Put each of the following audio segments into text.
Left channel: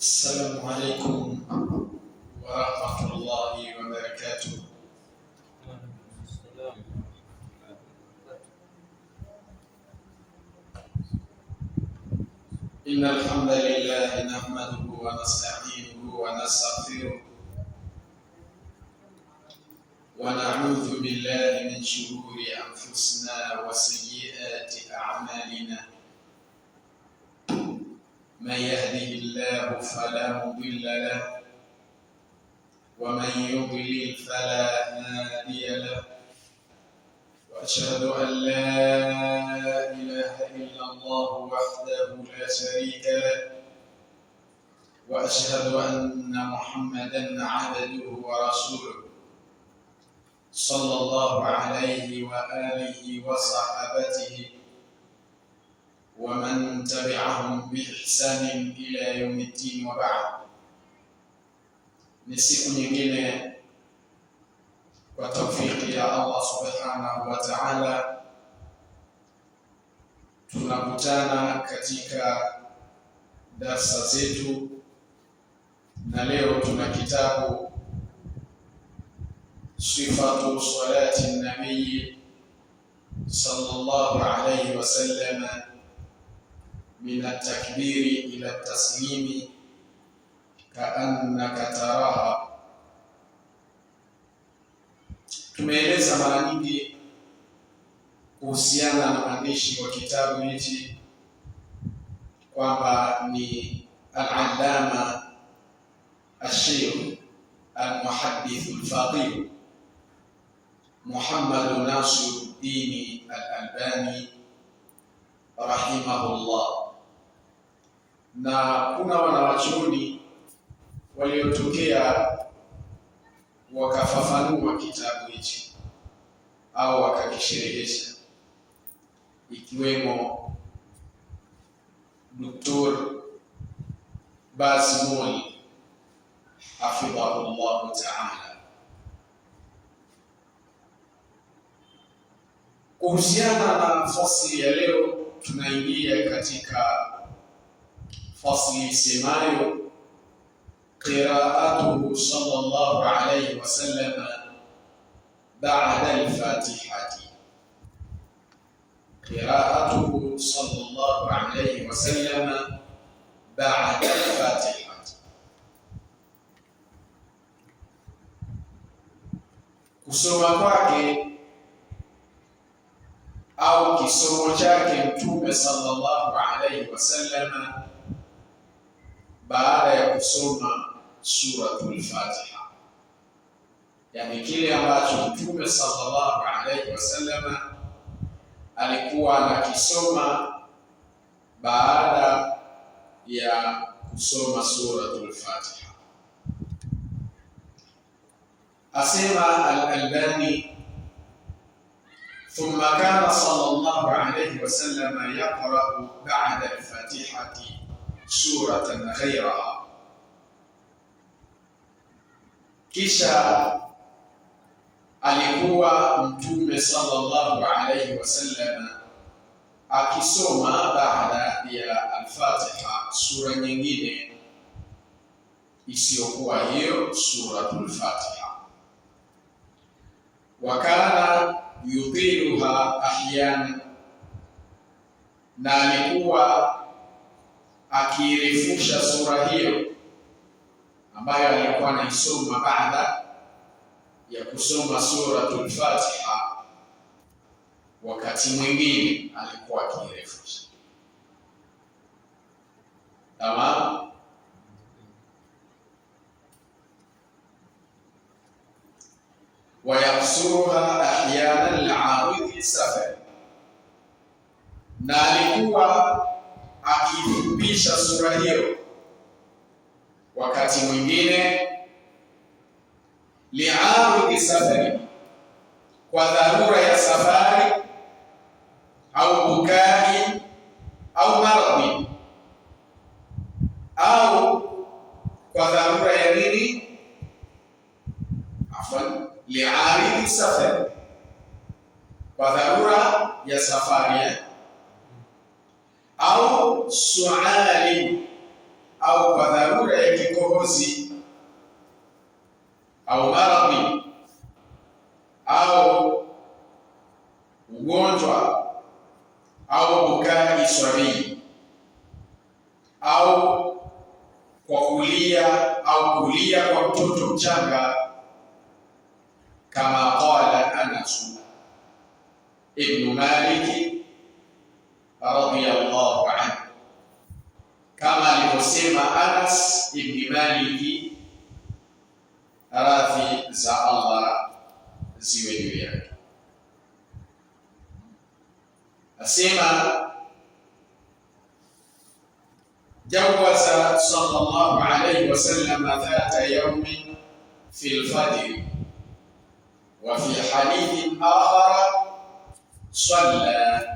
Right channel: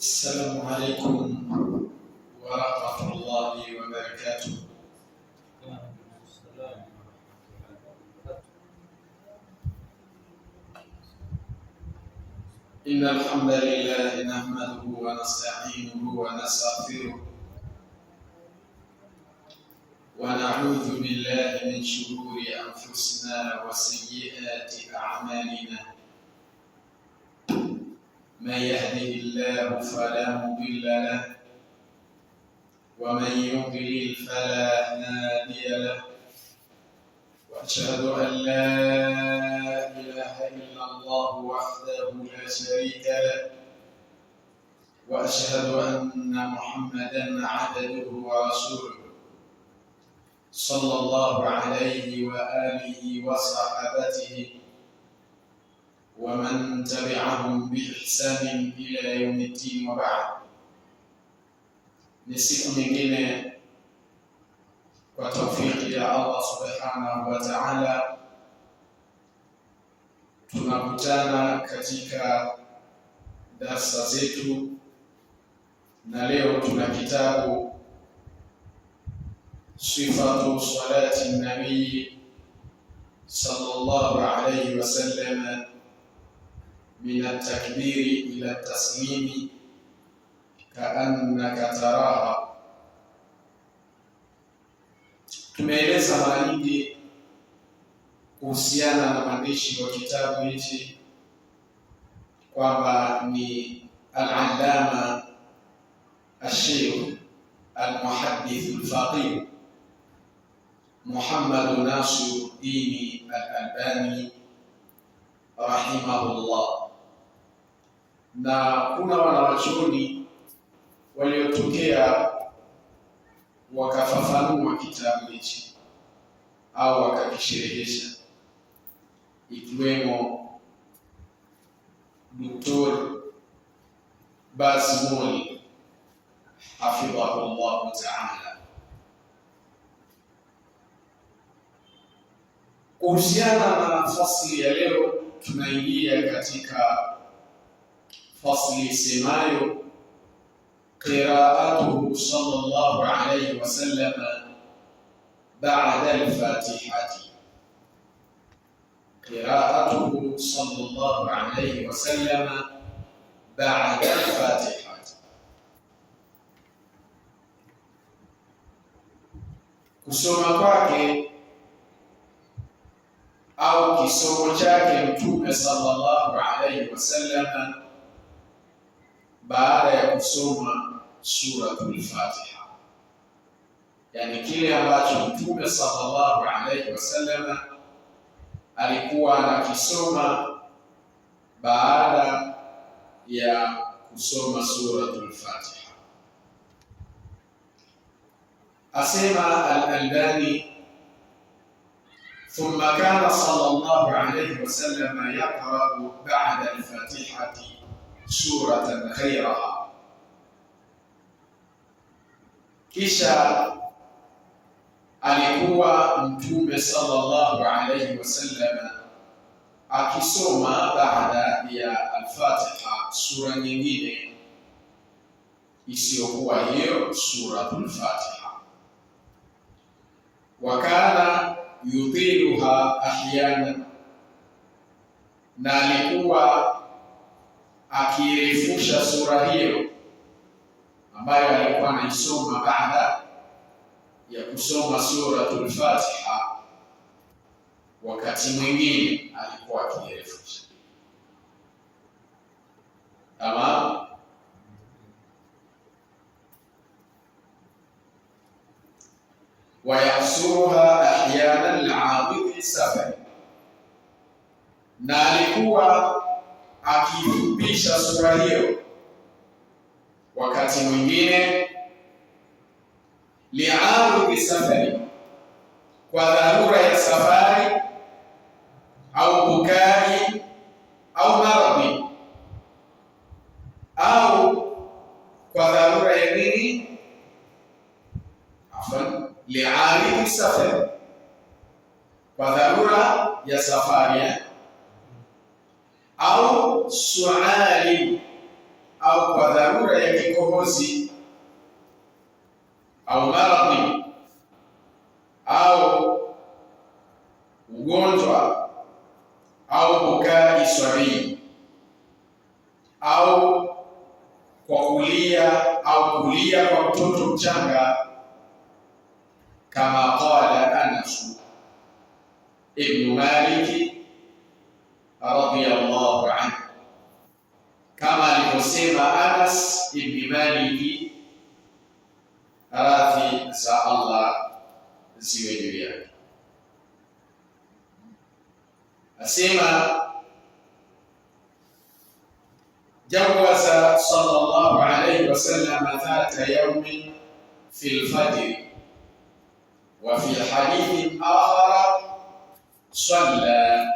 السلام عليكم ورحمة الله وبركاته. إن الحمد لله نحمده ونستعينه ونستغفره ونعوذ بالله من شرور أنفسنا وسيئات أعمالنا. من يهده الله فلا مضل له ومن يضلل فلا هادي له، وأشهد أن لا إله إلا الله وحده لا شريك له، وأشهد أن محمدا عبده ورسوله صلى الله عليه وآله وصحبه ومن تبعهم بإحسان إلى يوم الدين وبعد. Ni siku nyingine kwa taufiki ya Allah subhanahu wa ta'ala tunakutana katika darsa zetu, na leo tuna kitabu Sifatu salati nabii sallallahu alayhi wa sallam min at-takbiri ila at-taslimi kaannaka taraha. Tumeeleza mara nyingi kuhusiana na mwandishi wa kitabu hichi kwamba ni al-allama al-sheikh al-muhaddith al-faqih Muhammad Nasiruddin al-Albani rahimahullah, na kuna wanawachuoni waliotokea wakafafanua kitabu hichi au wakakisherehesha, ikiwemo Dr. Bazmul hafidhahullah ta'ala. Kuhusiana na fasli ya leo, tunaingia katika fasli semayo qira'atuhu sallallahu alayhi wa sallam ba'da al-fatihati. Qira'atuhu sallallahu alayhi wa sallam ba'da al-fatihati, kusoma kwake au kisomo chake Mtume sallallahu alayhi wasallam baada ya kusoma suratul Fatiha, yani kile ambacho Mtume sallallahu alayhi wasallam alikuwa anakisoma baada ya kusoma suratul Fatiha. Asema al-Albani, ثم كان صلى الله عليه وسلم يقرأ بعد الفاتحة سورة غيرها. Kisha alikuwa Mtume sallallahu alayhi wasallam akisoma baada ya al-Fatiha sura nyingine isiyokuwa hiyo suratul Fatiha. Wakana yutiluha ahyana, na alikuwa akirefusha sura hiyo ambayo alikuwa anaisoma baada ya kusoma suratul Fatiha. Wakati mwingine alikuwa akirefusha. Tamam. Wayasuruha ahyana li'awidhi safari, na alikuwa akifupisha sura hiyo wakati mwingine li'awidhi safari, kwa dharura ya safari au bukai au maradhi, au kwa dharura ya nini, li'aridhi safari, kwa dharura ya safari, au suali, au kwa dharura ya kikohozi au maradhi au ugonjwa au bukai swabii au kwa kulia kwa mtoto mchanga, kama qala Anas ibn Malik radhiyallahu anhu, kama alivyosema Anas ibn Malik, radhi za Allah ziwe juu yake, asema jawaza sallallahu alayhi wasallam dhata yawmin fi al-fajr wa fi hadith akhar salla.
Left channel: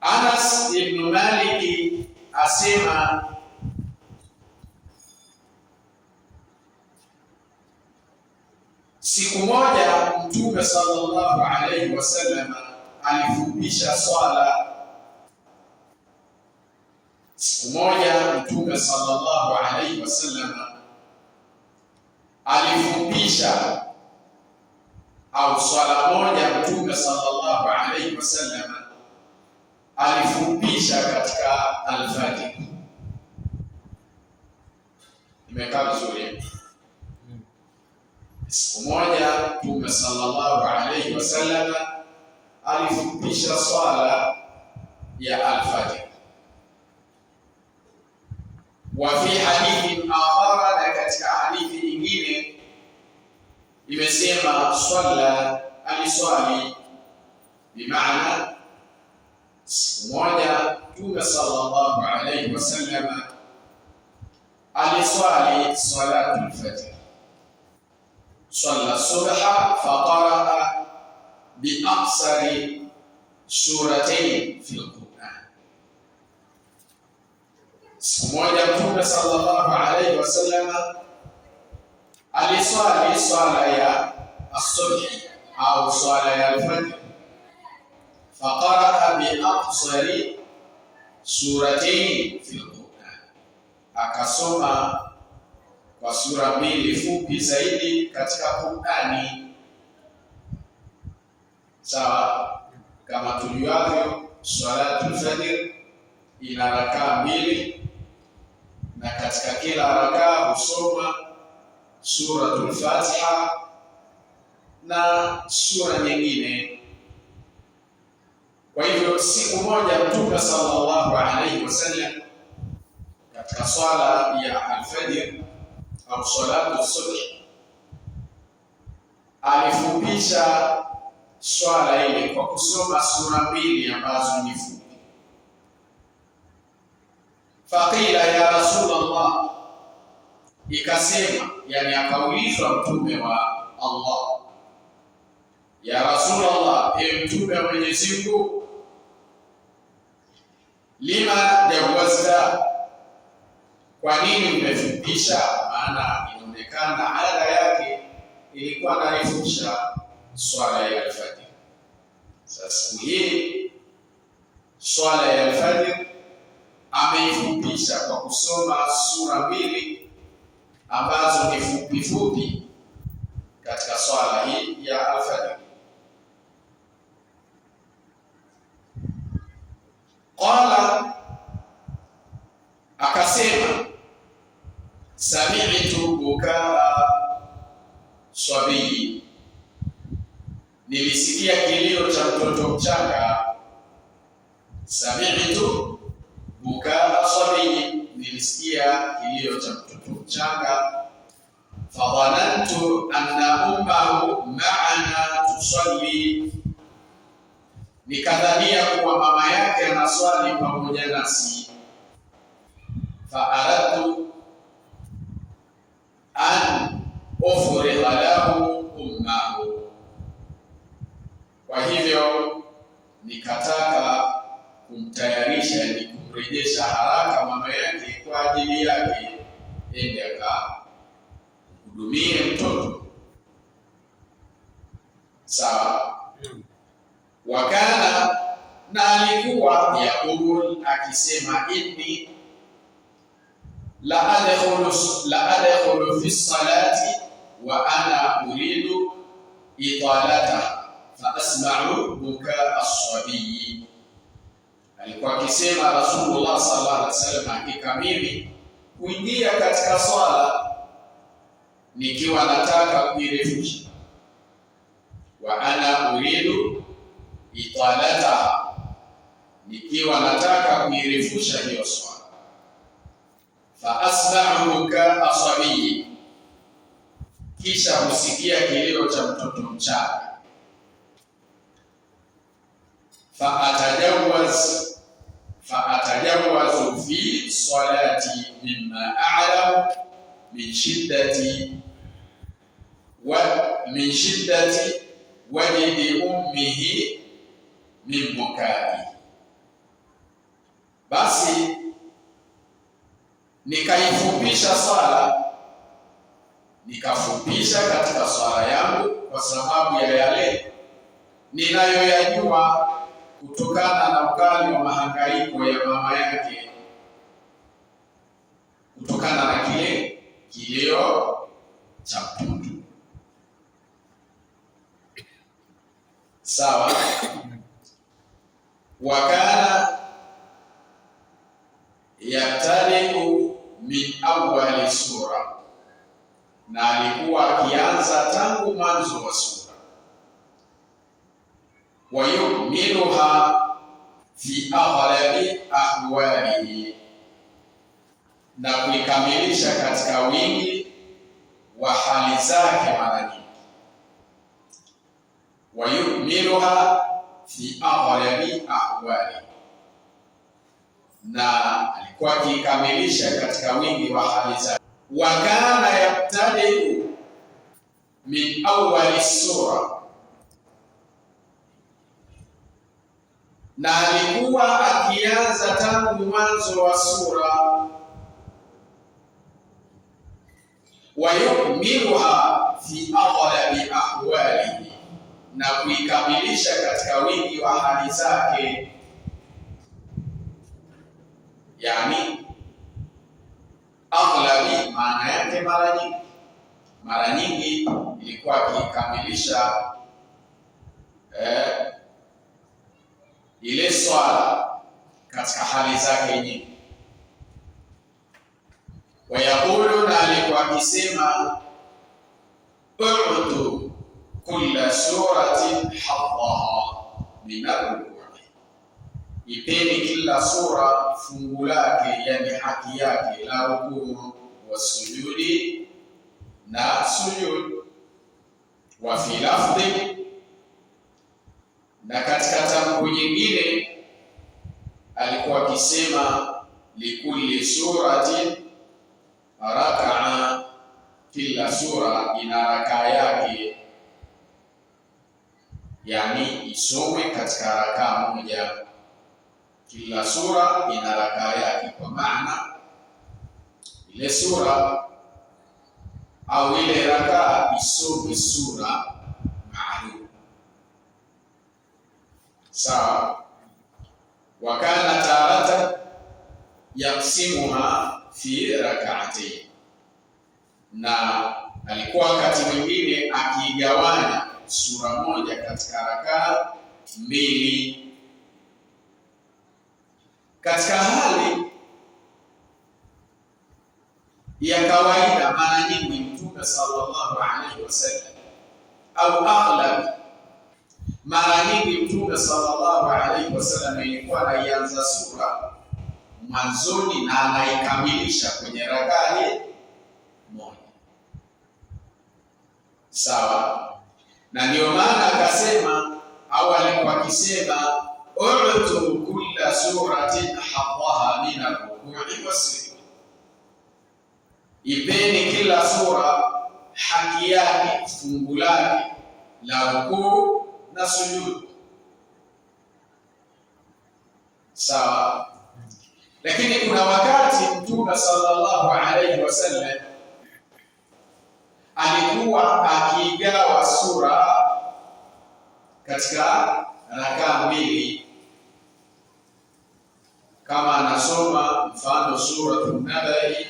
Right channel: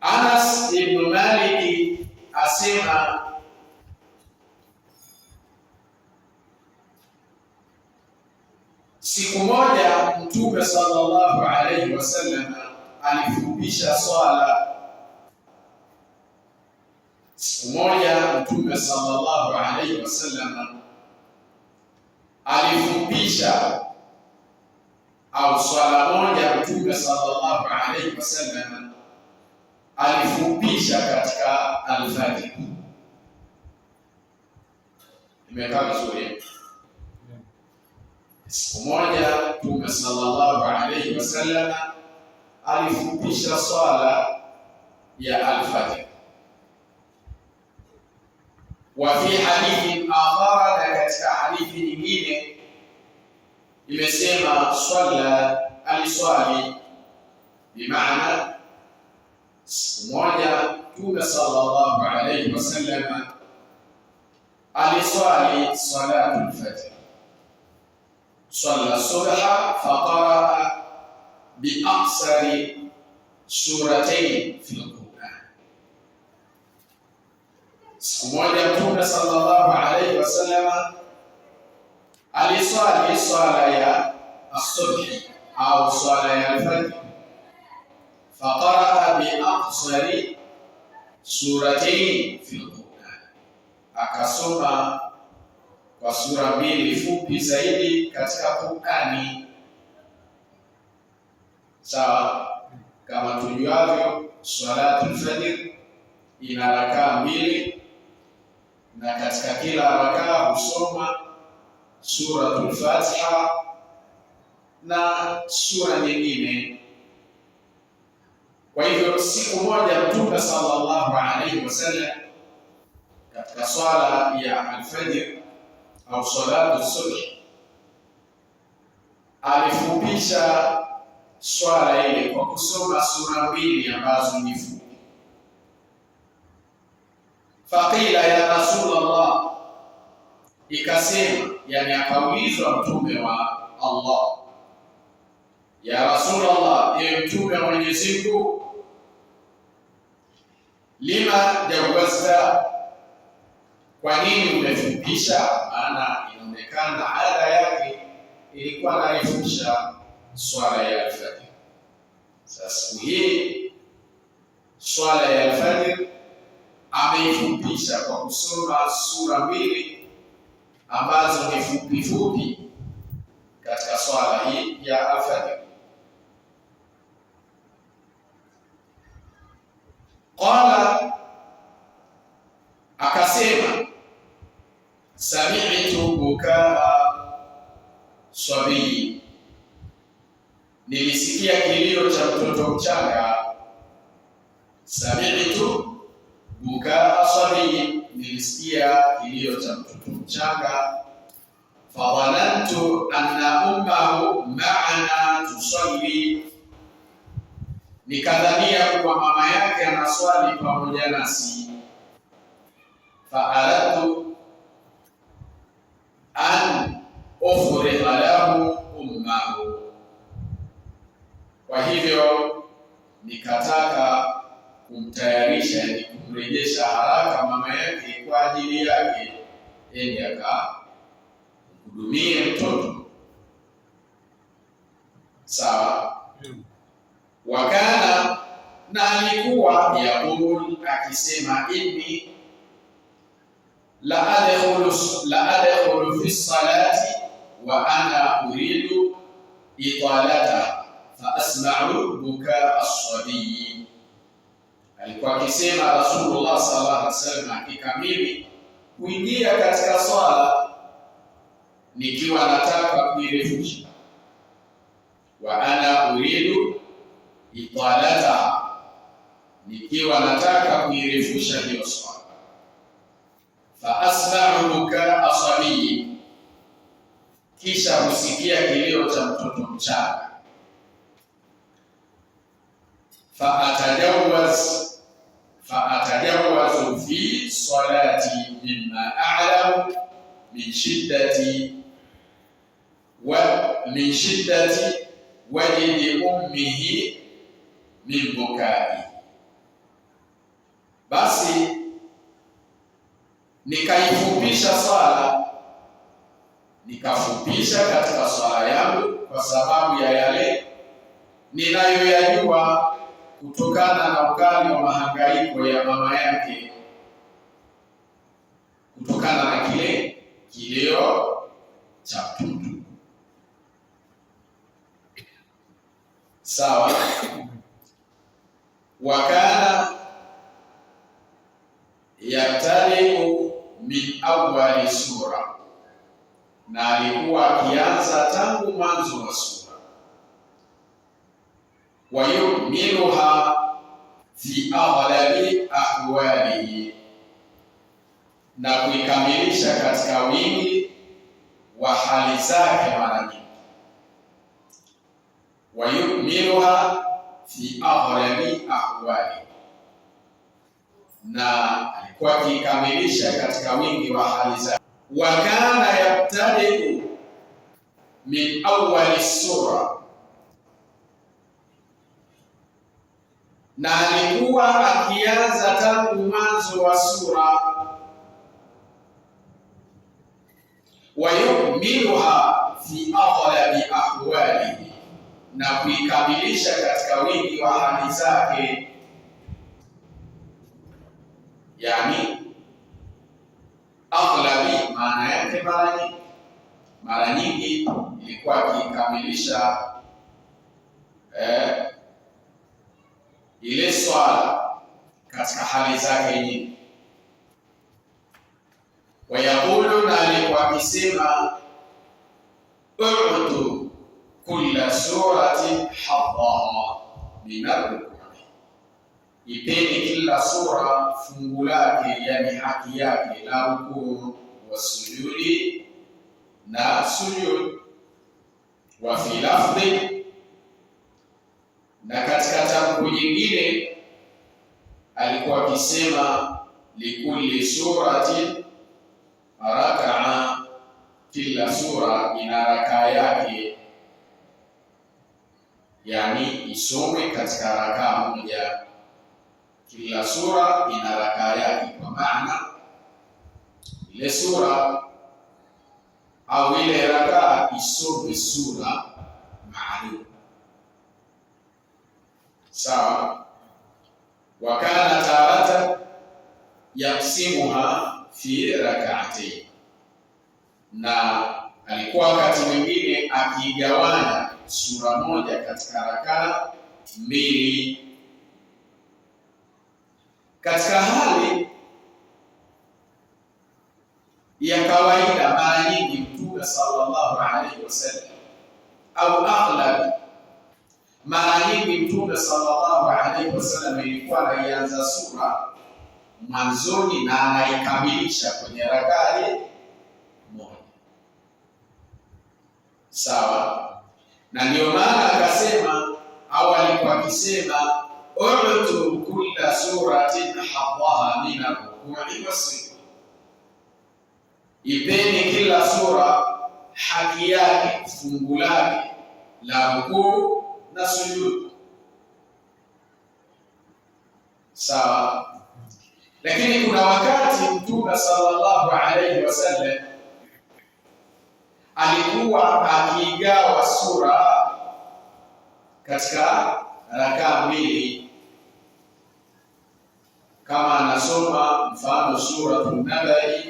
Anas ibn Malik asema siku moja Mtume sallallahu alayhi wasallam alifupisha swala. Siku moja Mtume sallallahu alayhi wasallam alifupisha, au swala moja Mtume sallallahu alayhi wasallam alifupisha katika alfajr. Imekaa vizuri. Siku moja Mtume sallallahu alayhi wasallam alifupisha swala ya alfajr. Wa fi hadithi akhar, na katika hadithi nyingine imesema swalla, aliswali, bimaana siku moja Mtume sallallahu alayhi wasallam aliswali salatu al-fajr, swalla subha faqara bi aqsari suratayn fi al-Qur'an. Siku moja Mtume sallallahu alayhi wasallam aliswali swala ya as-subhi au swala ya al-fajr, faqara bi aqsari suratayn fi al-Qur'an, akasoma kwa sura mbili fupi zaidi katika Qur'ani. Sawa, kama tujuavyo swalatul fajr ina rakaa mbili, na katika kila rakaa husoma suratul Fatiha na sura nyingine. Kwa hivyo siku moja Mtume sallallahu alayhi wasallam katika swala ya al-fajr au salatu subh alifupisha swala ile kwa kusoma sura mbili ambazo ni fupi. Faqila ya Rasulullah, ikasema, yani akaulizwa Mtume wa Allah, ya Rasulullah, ewe Mtume wa Mwenyezi Mungu, lima jawazta, kwa nini umefupisha? Maana inaonekana ada yake ilikuwa anarefusha swala ya alfajr. Sasa hii swala ya alfajr ameifupisha kwa kusoma sura mbili ambazo ni fupi fupi katika swala hii ya alfajr. Qala, akasema, sami'tu bukaa swabii, nilisikia kilio cha mtoto mchanga. Sami'tu bukaa swabii, nilisikia kilio cha mtoto mchanga. Fadhanantu anna ummahu ma'ana tusalli, nikadhania kuwa mama yake anaswali pamoja nasi. Faaradtu an ufriha lahu ummahu, kwa hivyo nikataka kumtayarisha, yani kumrejesha haraka mama yake kwa ajili yake, ende akahudumie mtoto. Sawa. Wakana, na alikuwa yaqul, akisema, inni la adkhulu fi salati wa ana uridu italataha fa asma'u bukaa as-sabiy. Alikuwa akisema Rasulullah sallallahu alaihi wasallam, hakika mimi kuingia katika swala nikiwa nataka kuirefusha, wa ana uridu italataha, nikiwa nataka kuirefusha hiyo swala, fa asma'u bukaa as-sabiy, kisha husikia kilio cha mtoto mchanga, fa'atajawazu fi salati mimma a'lamu min shiddati wajdi ummihi min bukai. Basi nikaifupisha swala, nikafupisha katika swala yangu kwa sababu ya yale ninayoyajua kutokana na ukali wa mahangaiko ya mama yake, kutokana na kile kilio cha mtoto. Sawa. Wakana yabtadiu min awwali sura, na alikuwa akianza tangu mwanzo wa sura, wa yukmiluha fi aghlabi ahwalihi, na kuikamilisha katika wingi wa hali zake mara nyingi. Wa yukmiluha fi aghlabi ahwalihi, na alikuwa akikamilisha katika wingi wa hali zake. Wa kana yabtadiu min awwali sura, na alikuwa akianza tangu mwanzo wa sura. Wa yukmiluha fi aghlabi ahwalihi, na kuikamilisha katika wingi wa hali zake. Yani aghlabi maana yake mara nyingi ilikuwa akikamilisha ile swala katika hali zake nyingi. Wayaqulu, na alikuwa akisema u'tu kulla suratin haddaha min ar-ruku'i, ipeni kila sura fungu lake, yani haki yake, la rukuu wa sujudi na sujud. Wa fi lafdhi, na katika tamko nyingine alikuwa akisema likulli suratin rakaa, kila sura ina rakaa yake, yani isome katika rakaa moja. Kila sura ina rakaa yake, kwa maana ile sura au ile rakaa isome sura maalum. Sawa. Wa kana taratan yaqsimuha fi rak'atayn, na alikuwa wakati mwingine akigawanya sura moja katika rakaa mbili. Katika hali ya kawaida, mara nyingi Mtume sallallahu alaihi wasallam au aghlab, mara nyingi Mtume sallallahu alaihi wasallam ilikuwa anaianza sura mwanzoni na anaikamilisha kwenye rakaa moja. Sawa. Na ndio maana akasema au alikuwa akisema u'tu kulla suratin haddaha min ar-ruku'i was-sujud, ipeni kila sura haki yake, fungu lake la rukuu na sujud. Sawa. Lakini kuna wakati Mtume sallallahu alaihi wasallam alikuwa akigawa sura katika rakaa mbili, kama anasoma mfano suratul Nabai